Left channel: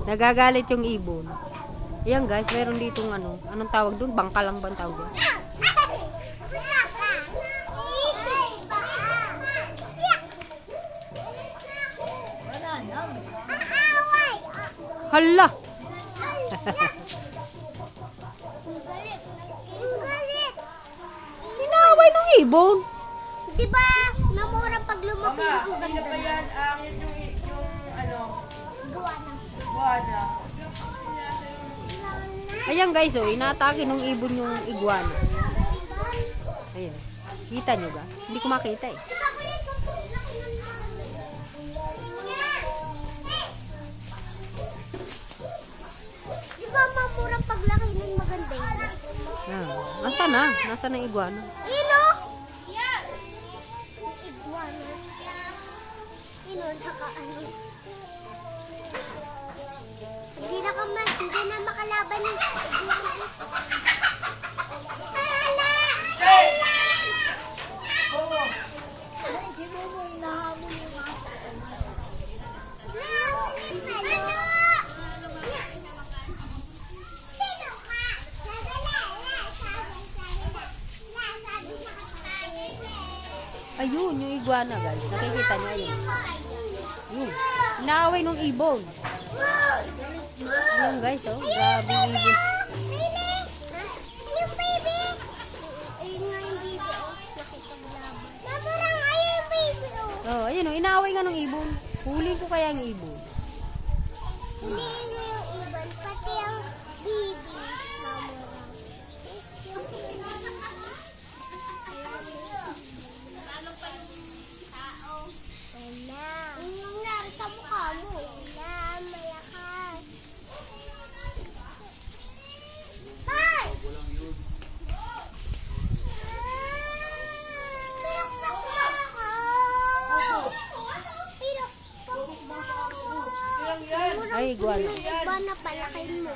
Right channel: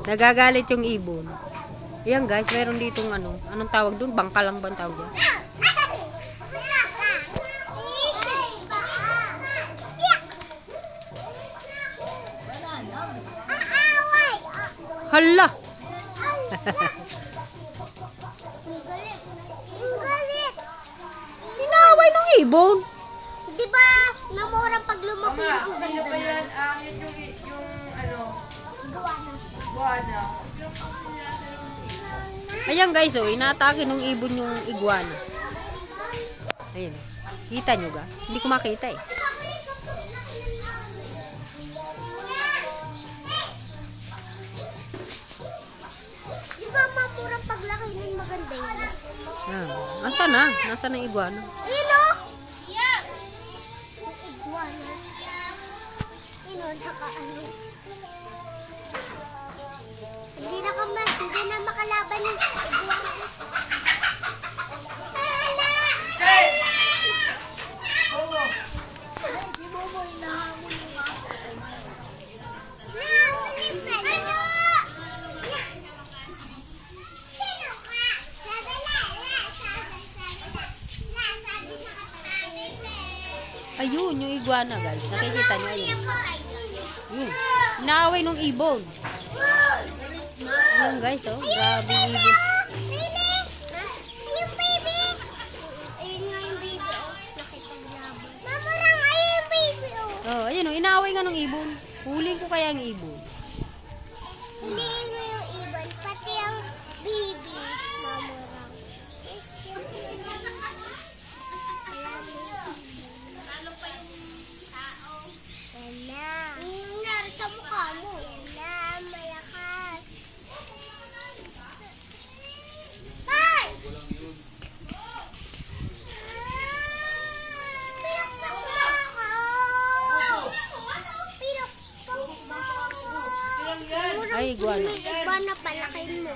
Nagagalit yung ibon. Ayan guys, meron ditong ano. Anong tawag dun? Bangka lang ba ang tawag dyan? Hala! Inaaway ng ibon. Diba, namurang pag lumaki ang ganda niya. Ayan guys, oh, inaatake ng ibon yung iguana. Ayun. Kita nyo ga? Hindi ko makita eh. Diba, mamurang paglaki nun maganda yun? Nasaan na? Nasaan ang iguana? Ayun o! Iguana. Ayun o, naka-ano. Hindi na makalaban ng iguana. Ayun, yung iguana guys. Nakikita niyo ayun. Ayun. Inaaway ng ibon. Ayun guys, oh. Grabe yung ibon. Yung baby. Ayun nga yung baby, oh. Nakipaglaban. Mamurang ayun yung baby, oh. Oh, ayun, oh. Inaaway nga ng ibon. Huling ko kaya ang ibon. Hindi nga yung ibon, pati ang baby. Sa mukha mo. Wala, malakas. Tay! Pinakpak mo ako! Pinakpak mo ako! Ay, iguana. Iguana, palakin mo.